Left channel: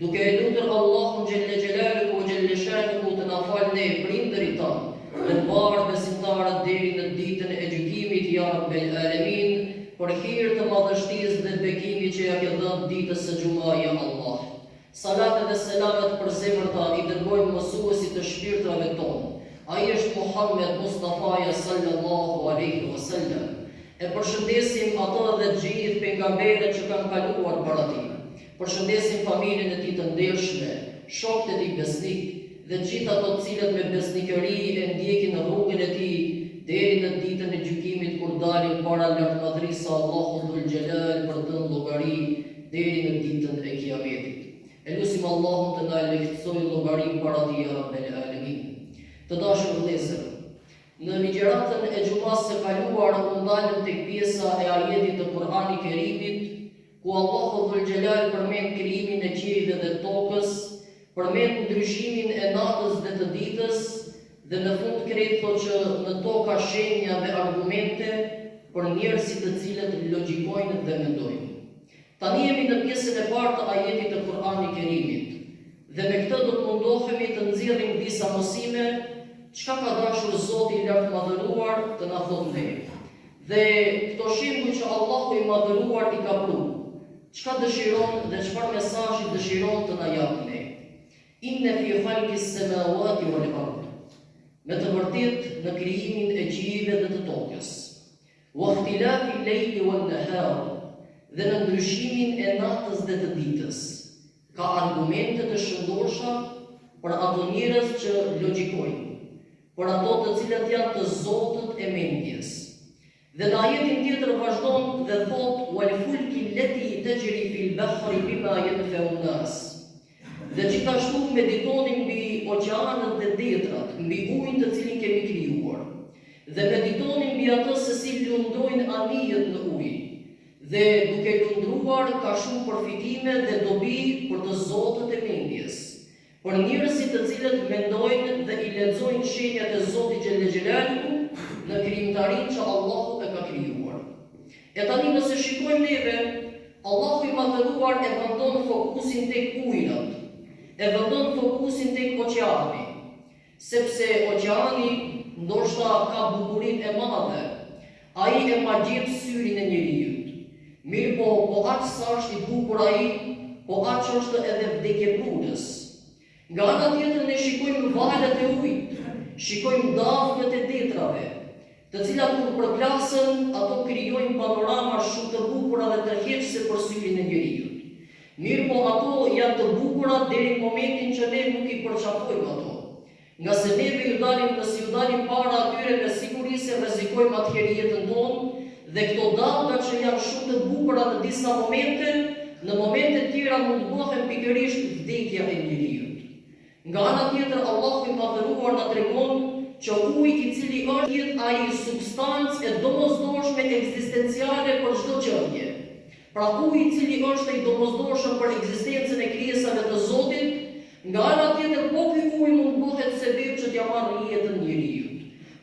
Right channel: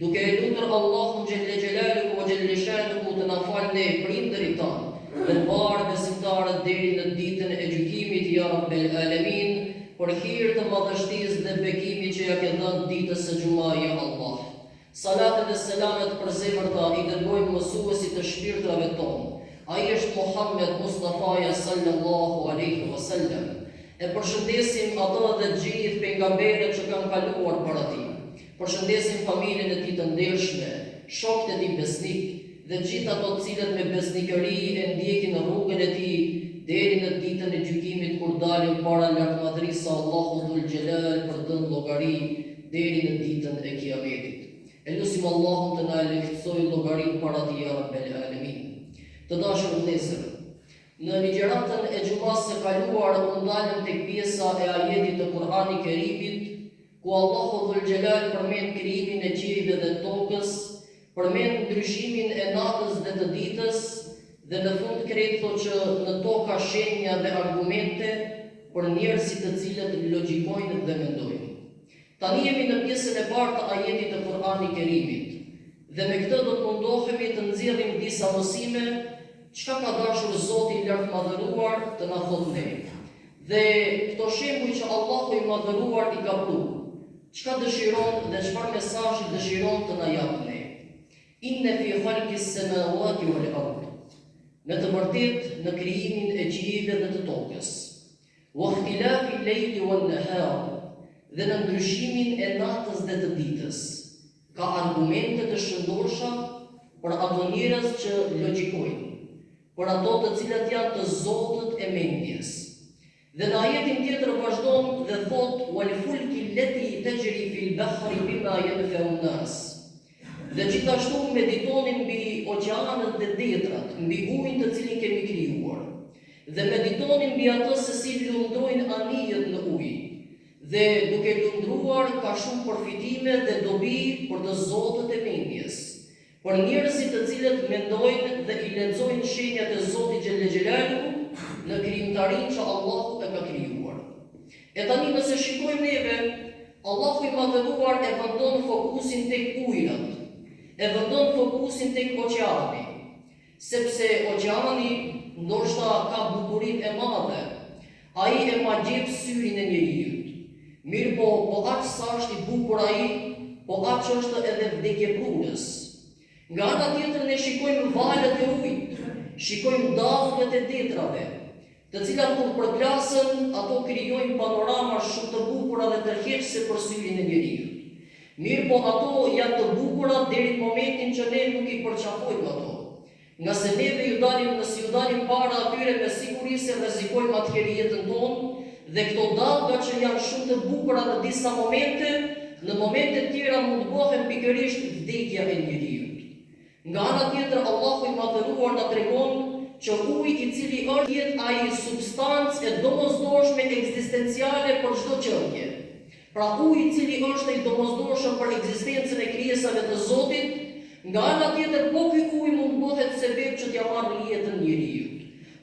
duke e lutur Allahun xhelle xhelaluhu ve xhelle shanuhu të na falë ne prindërit tanë, dhe të parë besimtarët deri në ditën e gjykimit, ja Rabbel Alamin, për hir të madhështisë dhe bekimit që ja ke dhënë ditës së xumës, ja Allah. Salatet dhe selamet për zemërta i dërgojmë mësuesit të shpirtrave tonë. Ai është Muhammed Mustafaja sallallahu alaihi wasallam. E përshëndesim ato dhe gjithë pejgamberët që kanë kaluar para tij. Përshëndesim familjen e tij të ndershme, shokët e tij besnik dhe gjithë ato të cilët me besnikëri e ndjekin rrugën e tij deri në ditën e gjykimit kur dalin para lartëmadhërisë së Allahut dhul xhelal për të dhënë llogari deri në ditën e Kiametit. E lutim Allahun të na lehtësojë llogarinë para tij, ya Rabbel Alamin. Të dashur vëllezër, në ligjëratën e xumës së kaluar u ndalëm tek pjesa e ajetit të Kur'anit Kerimit, ku Allahu dhul xhelal përmend krijimin e qiejve dhe tokës, përmend ndryshimin e natës dhe të ditës, dhe në fund krejt thotë që në tokë ka shenja dhe argumente për njerëzit të cilët logjikojnë dhe mendojnë. Tani jemi në pjesën e parë të ajetit të Kur'anit Kerimit, dhe me këtë do të mundohemi të nxjerrim disa mësime çka ka dashur Zoti i lartëmadhëruar të na thotë ne. Dhe këto shembuj që Allahu i madhëruar i ka pru, çka dëshiron dhe çfarë mesazhi dëshiron të na japë ne. Inne fi khalqis samawati wal ard. Me të vërtetë në krijimin e qiejve dhe të tokës. Wa ikhtilafi al-layli wan-nahar. Dhe në ndryshimin e natës dhe të ditës. Ka argumente të shëndosha për ato njerëz që logjikojnë, për ato të cilët janë të zotët e mendjes. Dhe në ajetin tjetër vazhdon dhe thot: "Wal fulki allati tajri fil bahri bima yanfa'u an-nas." Dhe gjithashtu meditonin mbi oqeanët dhe detrat, mbi ujin të cilin kemi krijuar. Dhe meditonin mbi ato se si lundrojnë anijet në ujë. Dhe duke lundruar ka shumë përfitime dhe dobi për të zotët e mendjes, për njerëzit të cilët mendojnë dhe i lexojnë shenjat e Zotit xhelle xhelaluhu në krijimtarinë që Allahu e ka krijuar. E tani nëse shikojmë neve, Allahu i madhëruar e vendon fokusin tek ujrat, e vendon fokusin tek oqeani, sepse oqeani ndoshta ka bukurinë e madhe, ai e magjep syrin e njeriu. Mirë po aq sa është i bukur ai, po aq është edhe vdekje prurës. Nga ana tjetër ne shikojmë valët e ujit, shikojmë dafnet e detrave, të cilat kur përplasën, ato krijojnë panorama shumë të bukura dhe të tërheqëse për syrin e njeriu. Mirë po ato janë të bukura deri në momentin që ne nuk i përqafojmë ato. Nga se neve ju dalim para atyre me siguri se rrezikojmë atëherë jetën tonë, dhe këto dalla që janë shumë të bukura në disa momente, në momente tjera mund të bëhen pikërisht vdekja e njeriu. Nga ana tjetër Allahu i madhëruar na tregon që uji i cili është ai substancë e domosdoshme ekzistenciale për çdo gjëje. Pra uji i cili është i domosdoshëm për ekzistencën e krijesave të Zotit, nga ana tjetër po ky ujë mund bëhet sebeb që t'ia marrë jetën njeriu.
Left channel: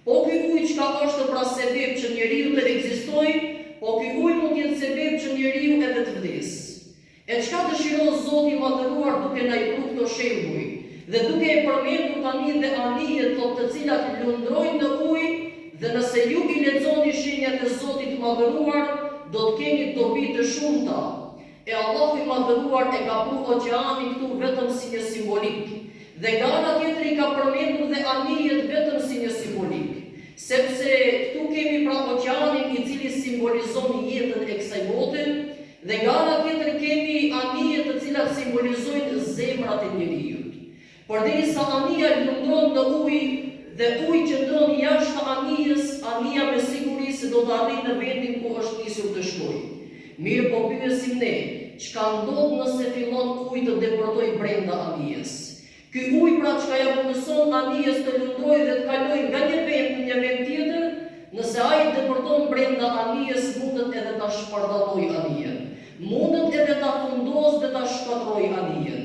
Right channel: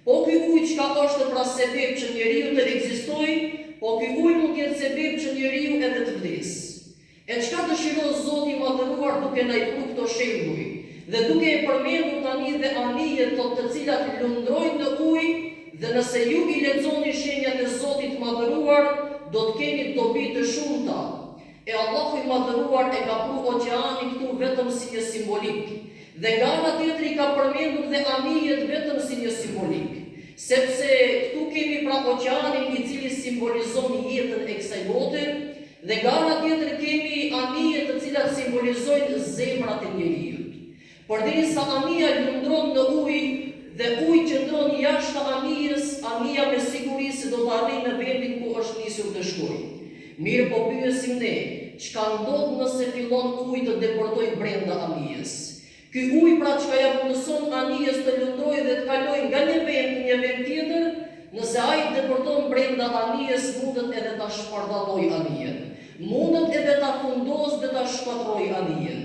Po ky ujë çka është pra sebeb që njeriu të ekzistojë, po ky ujë mund të jetë sebeb që njeriu edhe të vdesë. E çka dëshiron Zoti i madhëruar duke na i dhënë këto shembuj, dhe duke e përmendur tani dhe anijet të cilat lundrojnë në ujë, dhe nëse ju i lexoni shenjat e Zotit të madhëruar, do të keni dobi të shumta. E Allahu i madhëruar e ka pru oqeanin këtu vetëm si një simbolik. Dhe nga ana tjetër i ka përmendur dhe anijet vetëm si një simbolik. Sepse këtu kemi pra oqeanin i cili simbolizon jetën e kësaj bote, dhe nga ana tjetër kemi anijet të cilat simbolizojnë zemrat e njeriu. Përderisa anija lundron në ujë dhe uji qëndron jashtë anijës, anija me siguri se do të arrijë në vendin ku është nisur të shkojë. Mirë po pyesim ne, çka ndodh nëse fillon uji të deportojë brenda anijës? Ky ujë pra çka ja mundëson anijës të lundrojë dhe të kalojë nga një vend në një vend tjetër, nëse ai deporton brenda anijës, mundet edhe ta shpërndallojë anijen. Mundet edhe ta fundosë dhe ta shkatrojë anijen.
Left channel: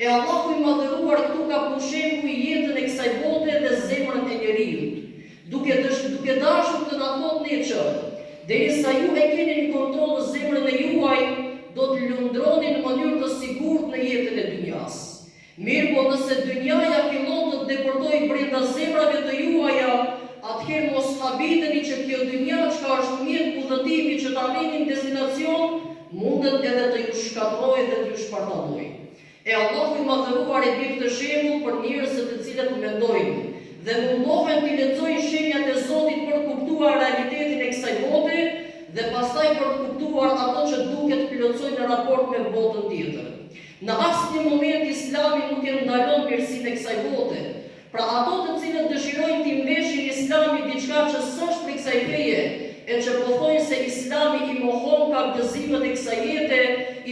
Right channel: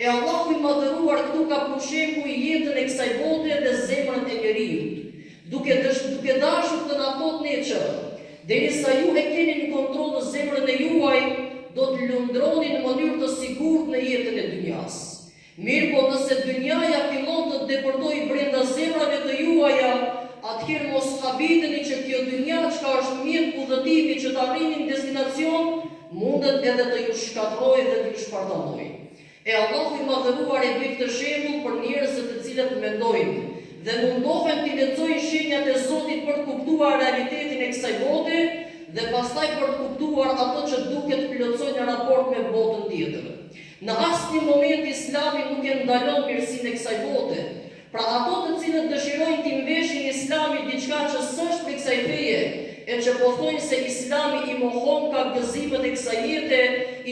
E Allahu i madhëruar këtu ka përshembull jetën e kësaj bote dhe zemrën e njeriu, duke dashur të na thotë ne që derisa ju e keni në kontroll zemrën e juaj, do të lundroni në mënyrë të sigurt në jetën e Mirë po nëse dynjaja fillon të deportoj brenda zemrave të juaja, atëherë mos habiteni që kjo dynja çka është mjet udhëtimi që të arrinin destinacion, mundet edhe të ju shkatrojë dhe të ju shpartallojë. E Allahu i madhëruar e bë këtë shembull për njerëzit të cilët mendojnë dhe mundohen të lexojnë shenjat e Zotit për të kuptuar realitetin e kësaj bote dhe pastaj për të kuptuar ato që duket plotësojnë në raport me botën tjetër. Në asnjë moment Islami nuk e ndalon mirësinë e kësaj bote. Pra ato të cilët dëshirojnë të mbeshin Islami diçka që s'është për kësaj feje, e që po thojnë se Islami i mohon ka gëzimet e kësaj jete,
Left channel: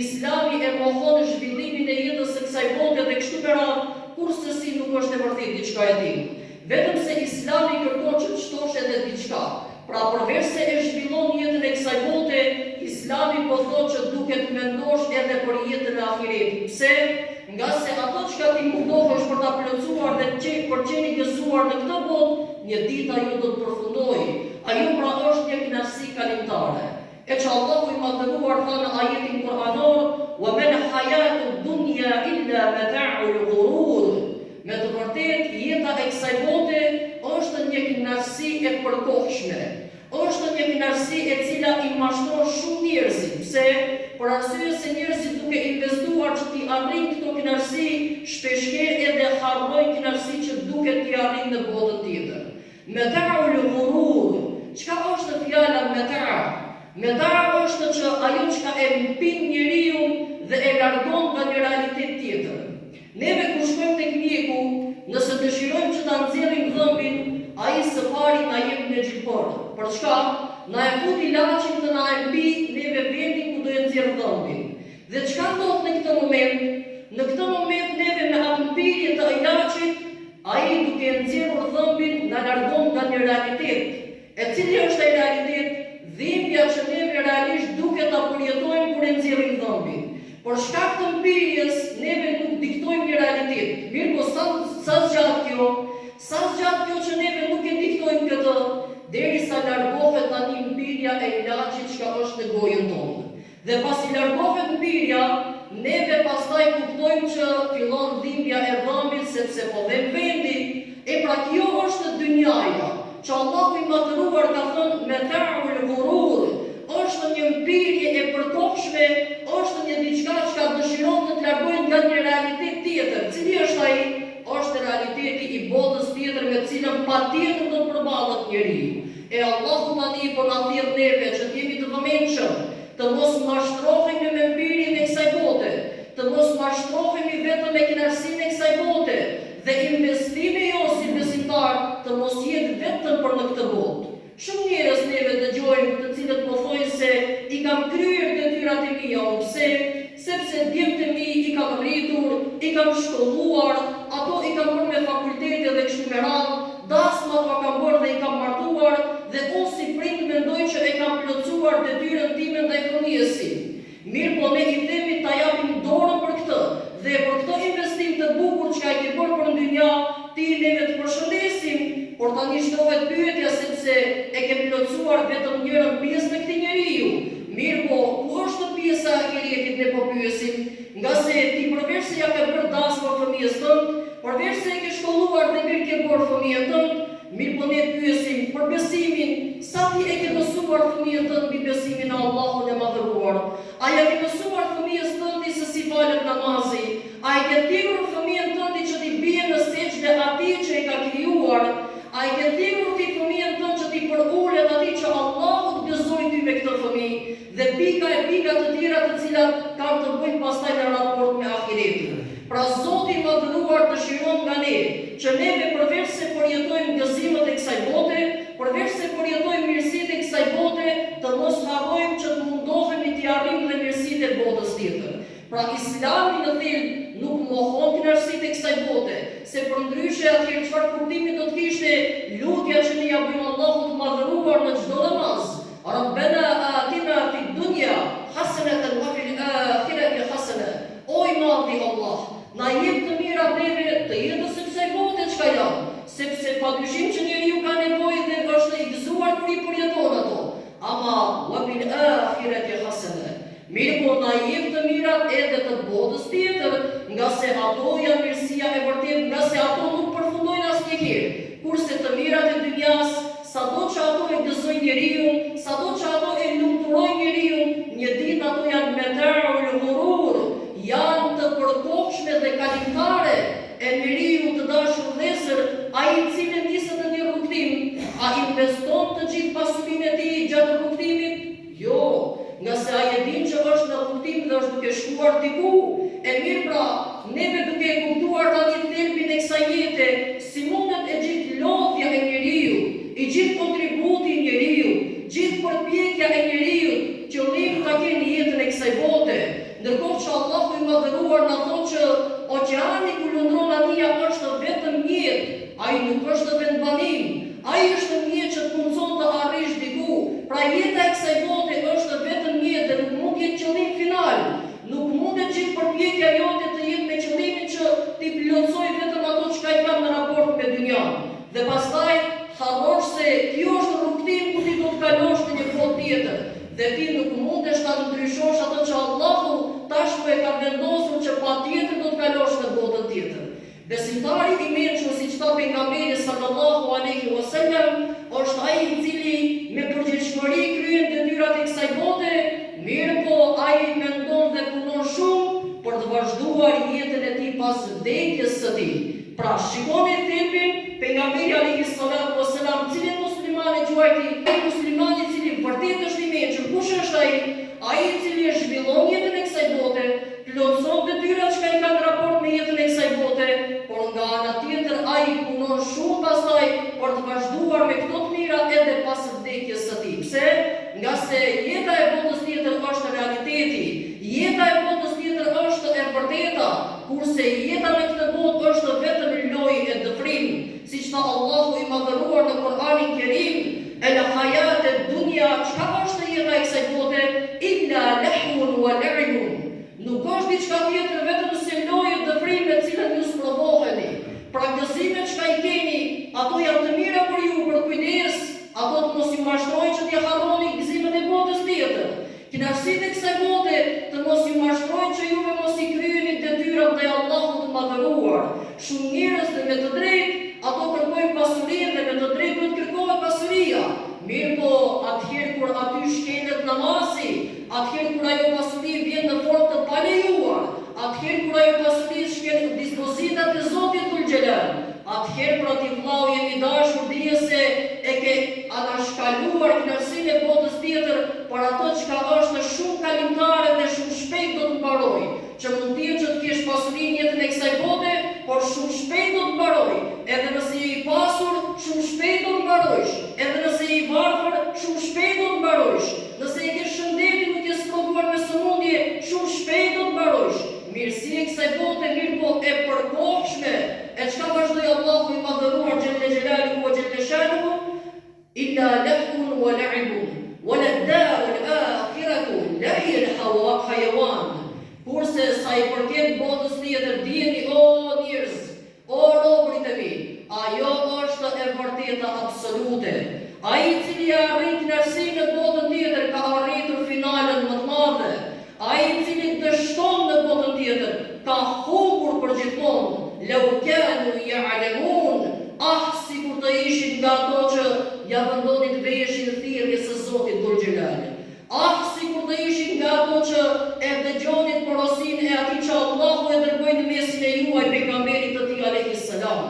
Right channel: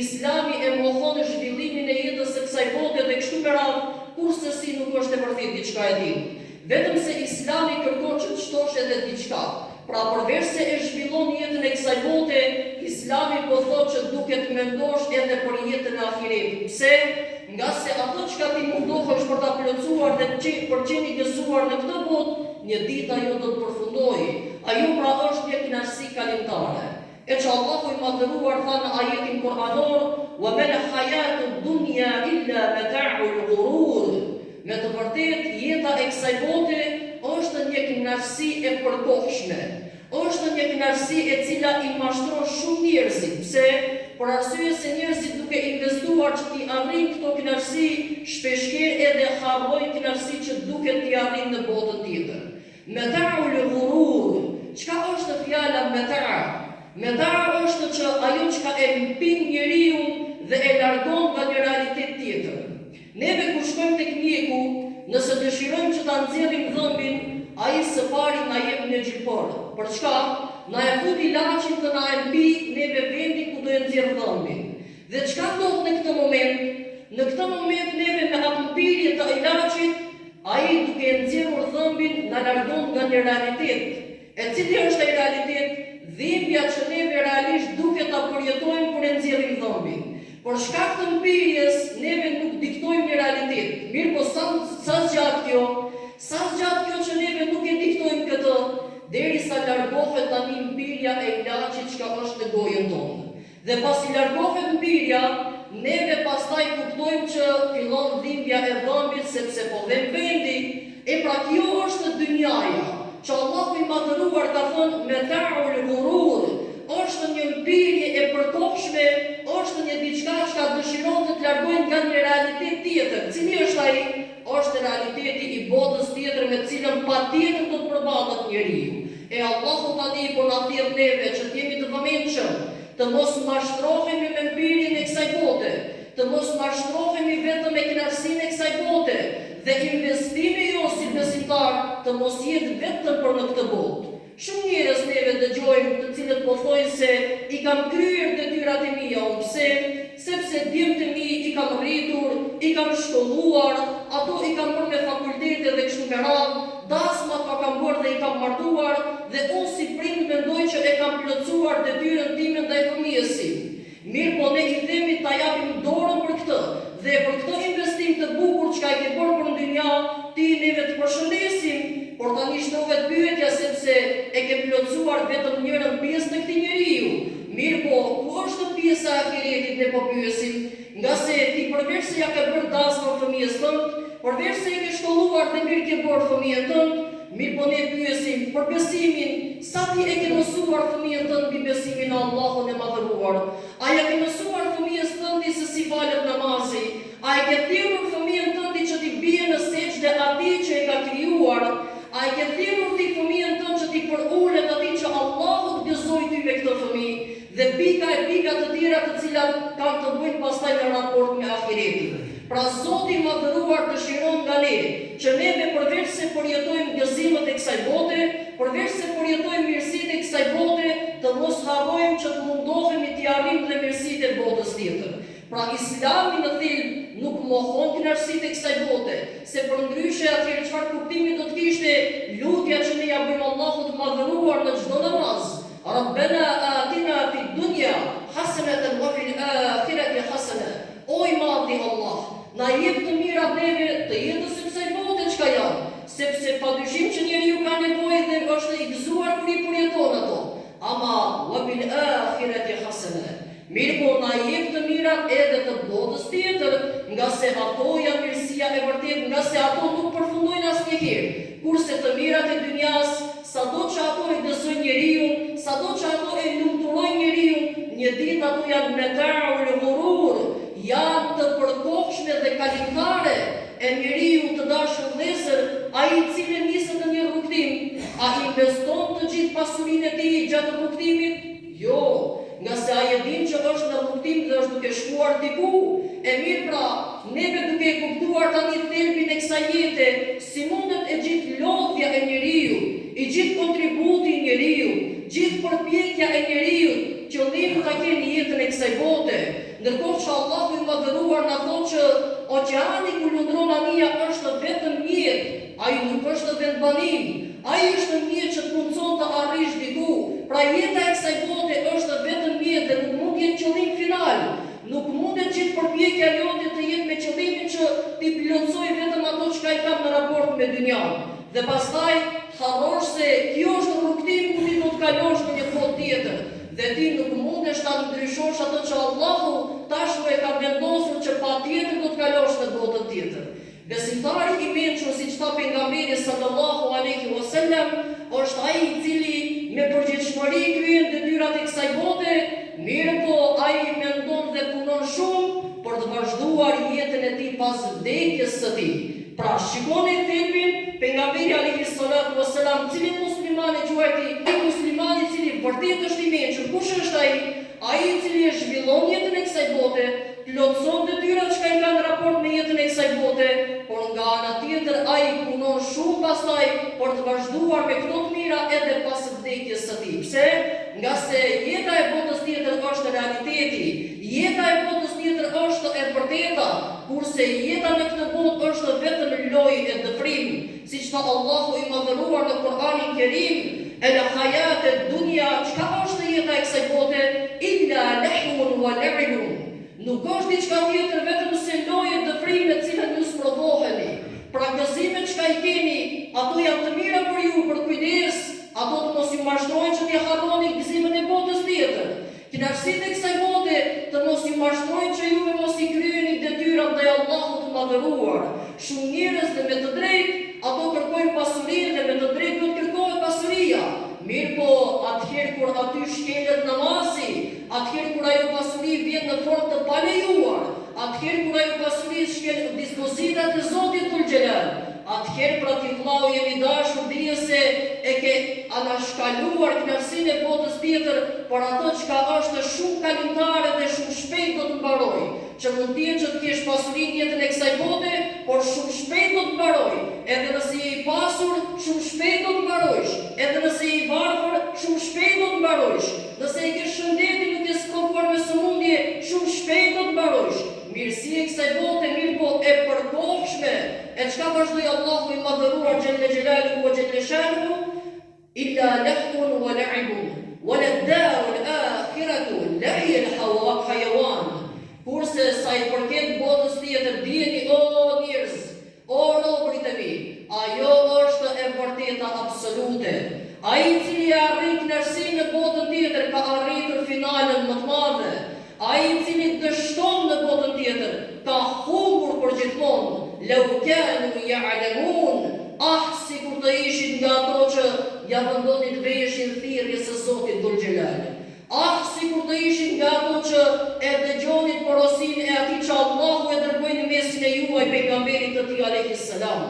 Islami e mohon zhvillimin e jetës së kësaj bote dhe kështu me radhë, kurse si nuk është e vërtetë diçka e tillë. Vetëm se Islami kërkon që të shtosh edhe diçka. Pra përveç se e zhvillon jetën e kësaj bote, Islami po thotë që duhet mendosh edhe për jetën e ahiretit. Pse? Nga se ato çka ti mundohesh për ta plotësuar dhe për qenë i gëzuar në këtë botë, një ditë ajo do të përfundojë. Ajo pra është një kënaqësi kalimtare. E që Allahu i madhëruar thënë në ajetin kuranor, "Wa ma al-hayatu dunya illa mata'ul ghurur." Me të vërtetë, jeta e kësaj bote është një kënaqësi e përkohshme. Është një kënaqësi e cila i mashtron shumë njerëzit. Pse? Për arsye se njerëzit duke investuar që t'i arrijnë këto kënaqësi, shpeshherë edhe harrojnë kënaqësi që duket t'i arrijnë në botën tjetër. Mata'ul ghurur. Çka është fjala mata'? Mata' është që ajo çka e mpin njeriu dhe e largon nga një realitet tjetër. Neve kur shkojmë tek mjeku, nëse dëshirojmë që ta nxjerrim dhëmbin, ai së pari na jep në xhipor. Për çka? Na e fut ilaçin të na e mbi neve vendin ku do e nxjerr dhëmbin. Dhe çka ndodh në këtë moment? Në këtë moment neve me atë mbirje të ilaçit, ai duke e nxjerrur dhëmbin na largon nga një realitet. E cili është ai realitet? Dhimbja që neve realisht duhet ta përjetojmë kur e nxjerrim dhëmbin. Por shkak të mbirjes, neve nuk diktojmë një realitet. Mirë po sa zgjat kjo? Sa zgjat kjo që neve nuk e diktojmë këtë, derisa largohet tani mbirja e ilaçit që është në gojën tonë. Dhe pasi largohet mbirja, neve pastaj kuptojmë që fillon dhimbja e dhëmbit sepse po vjen vendi. E pra kjo është dynjaja, që Allahu i madhëruar ka thënë mata'ul ghurur. Është një mbirje e përkohshme, është një diçka që dëshiron të largojë nga një realitet tjetër. Cili është ai? Është realiteti i botës tjetër me cilën patjetër do të përballet njeriu. E Allahu tani po na thirr neve që të jemi të vëmendshëm, të mos mashtrohemi me mbirjen e kësaj bote, të mos mashtrohemi vetëm me kënaqësinë e kësaj bote, dhe investimi jo si besimtar të mos jetë vetëm për në këtë botë. Shumë njerëz neve dëgjojmë të cilët po thojnë se i kam kryer detyrat e mia, pse? Sepse djemtë e mi i kam rritur, i kam shkolluar, ato i kam bërë me fakultete dhe kështu me radhë, dasmat ma kam bërë dhe i kam martuar, dhe unë si prind mendoj që e kam plotësuar detyrën time ndaj fëmijës sim. Mirë po ne i themi ta japim dorën për këtë, dhe për këtë investim të bukur që ka i ke bërë për në dynja, ti neve të përshëndesim, por tani shtrohet pyetja sepse e ke plotësuar vetëm njërën pjesë në këtij njeriu. Mirë po, ku është pjesa e ahiretit ne po pyesim, nga se ti përveç se ja ke bërë dasmë fëmijës tënd, përveç se e ke shkolluar dhe mirë ke bërë fëmijën tënd, mirë po ne pyesim për besimin, sa ti e ke mësuar fëmijën tënd mbi besimin në Allahun e madhëruar? A ja ke mësuar fëmijës tëndi se si falet namazi? A e ke thirrur fëmijën tëndi që ti bie në sejdë atij që e ka krijuar? A e ke thirrur ti fëmijën tënd që ti përulet atij që Allahu të gëzoi ty me këtë fëmijë? Dhe pika e pika të tjera të cilat kanë të bëjnë pastaj në raport me ahiretin. Pra Zoti i madhëruar dëshiron nga ne që neve përveç se përjetojmë gëzimet e kësaj bote, përveç se përjetojmë mirësitë e kësaj bote, të mos harrojmë që të mundohemi të arrijmë dhe mirësitë e botës tjetër. Pra Islami në thelb nuk mohon kënaqësitë e kësaj bote, se përndryshe atëherë çfarë kuptimi do të kishte lutja që ne ja bëjmë Allahut të madhëruar në çdo namaz. Rabbana atina fid dunya hasanatan wa fil akhirati hasana. O i madhi Allah, na jep të mirat neve të jetës së kësaj bote çka janë, sepse padyshim që njeriu ka nevojë dhe është i gëzuar kur i përjeton ato. Ama wa fil akhirati hasana. Mirë po na jep të mirat edhe të botës tjetër, nga se ato janë mirësi mirësia e vërtet, nga se ato nuk përfundojnë asnjëherë, kurse të mirat e dynjas, sado që ato e gëzojnë njeriu, sado që ato e lumturojnë njeriu, një ditë ato janë meta'ul ghurur, janë të përkohshme dhe kalimtare. E njeriu të dashur vëllezër, ai i cili niset në një rrugtim, a investon të gjithë pasurinë e tij gjatë rrugtimit? Jo, nga se ai e din që është në rrugtim dhe është duke shkuar diku. E mirë pra, neve duke e kuptuar tani thelbin e kësaj jete, si mundet e gjithë lodhja e njeriu, i gjithë kontributi i njeriu, gjithë përpjekja e njeriu, qëllimi ta kenë jetën e kësaj bote. Ndërkohë që Allahu i madhëruar na thotë që oqeani ku lundron anija është vetëm mjet, ai nuk është vendbanim, ai është mjet që të mundson të arrish diku. Pra jeta e kësaj bote është vetëm mjet dhe nuk mund të jetë qëllim final. Nuk mundet gjithë përpjekja jote të jetë me qëllimin që ti plotësoj vetëm ato që i kam në raport me dynjan. Dhe pastaj harrosh se kjo është rrugtim ku ti do të kalosh në një botë tjetër. Dhe ti nuk mundesh ta ndryshosh atë që Allahu tashmë e ka vendosur që patjetër do të kalosh në botën tjetër. Besimtari i mençur, siç tha pejgamberi sallallahu alaihi wasallam, është ai i cili me përgjegjësi kryen detyrat e kësaj bote, mirë po ai mendon dhe punon shumë për të vazhduar jetën e tij pas vdekjes së tij. Pra shikoni thelbin, pejgamberi alaihi salatu wasalam, cili muslimani quajti, ai muslimani i cili vërtet është i mençur, kush është ai? Ai i cili e zhvillon jetën e kësaj bote, plotëson detyrat që i kanë raport me jetën e kësaj bote, por nga ana tjetër ai punon shumë pastaj për të vazhduar me këto të mira edhe pas vdekjes së tij. Pse? Nga se jeta e botës tjetër është realiteti, jeta e botës tjetër është e vërteta, kurse jeta në këtë botë është vetëm lojë e dëfrim, siç tha Allahu i madhëruar në Kur'anin Kerim, el hayate dunya, çka është jeta e kësaj bote? Illa lahun wa la'ibun. Nuk është diçka tjetër vetëm se lojë e dëfrim me të cilën ju sprovoheni. Pra gëzimet që i keni, ato janë të mira për ju, për kujdes, ato të mos ju mashtrojnë që t'ja harroni gëzimin e botës tjetër. Kënaqësitë e kësaj bote të mos ju mashtrojnë që juve mos i kryeni detyrat ndaj Allahut të madhëruar. Shumë njerëz dhe me të drejtë ato kërkojnë pasurinë dhe me të drejtë duhet kërkohet pasuria. Mirë po, atëherë kur aty shkelet namazi, atëherë kur ajo pasuri vjen në formë të palejuar, atëherë kur ajo pasuri shkel dispozitat e Zotit Dhul Xhelal, atëherë pra ti vllau jemi dashur dije se e ke anashkaluar kënaqësinë e botës tjetër për ato çka është shumë kalimtare dhe shumë shpejt do të mbarojë. Që mund të jetë që të kesh pasurinë jetën e kësaj bote, por shumë shpejt do të mbarojë. Edhe nëse je i pasur, shumë shpejt do të mbarojsh. Edhe nëse je i varfër, shumë shpejt do të mbarojsh. Nëse je ke shëndetin nuk je sprovuar me sëmundje, shumë shpejt do të mbarojsh. Mirësia e kësaj bote mirë po e përkohshme. E çka vazhdoi Allahu i madhëruar xhelle xhelaluhu wa xhelle shanuhu? Illa lahun wa la'ibun, wa lad-darul akhiratu lahiyal hayawan. Kurse sa i përket botës tjetër, dijeni o njerëz, o robërit e mi, ajo është e vërteta absolute. Ai i cili arrit kënaqësinë në botën tjetër ka arritur finalen më të madhe. Ai i cili dështon në botën tjetër ka humbur përgjithmonë. Lau kanu ya'lamun, sikur të ishin nga ato që ja vendonin veshin thirrjes së Zotit Dhul Xhelal. Sikur të ishin nga ato që e dëgjonin porosinë e atij që Allahu e dërgoi në mesin e juaj pejgamberit të tij alayhis salam.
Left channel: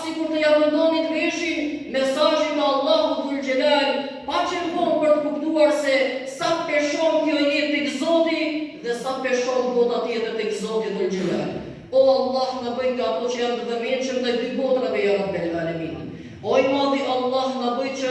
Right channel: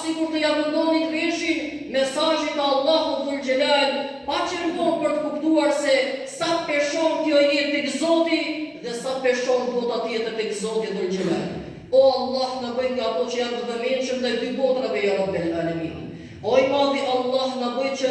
Sikur të ja vendonin veshin mesazhit të Allahut Dhul Xhelal, pa qenë për të kuptuar se sa peshon kjo jetë tek Zoti dhe sa peshon bota tjetër tek Zoti Dhul Xhelal. O Allah, na bëj nga ato që janë të vëmendshëm ndaj dy botrave ya Rabbel Alamin. O i madhi Allah, na bëj që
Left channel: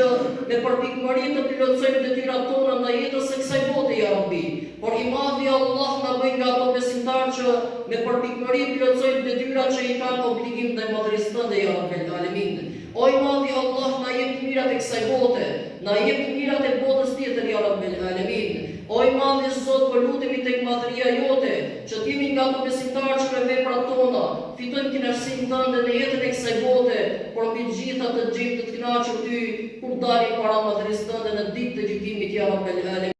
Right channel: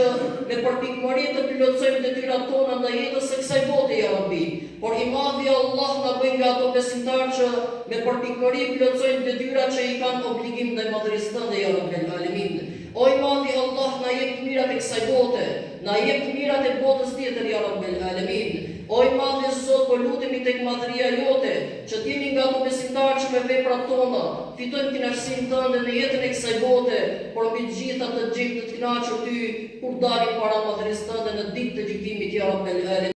me përpikmëri të plotësojmë detyrat tona ndaj jetës së kësaj bote ya Rabbi. Por i madhi Allah, na bëj nga ato besimtarë që me përpikmëri plotësojnë detyrat që i kanë obligim ndaj madhërisë tënde ya Rabbel Alamin. O i madhi Allah, na jep mirat e kësaj bote, na jep mirat e botës tjetër ya Rabbel Alamin. O i madhi Zot, po lutemi tek madhëria jote, që t'jemi nga ato besimtarë që me veprat tona fitojnë kënaqësinë tënde në jetën e kësaj bote, por mbi të gjitha të gjejmë të kënaqur ty kur dalim para madhërisë tënde në ditë të gjykimit ya Rabbel Alamin.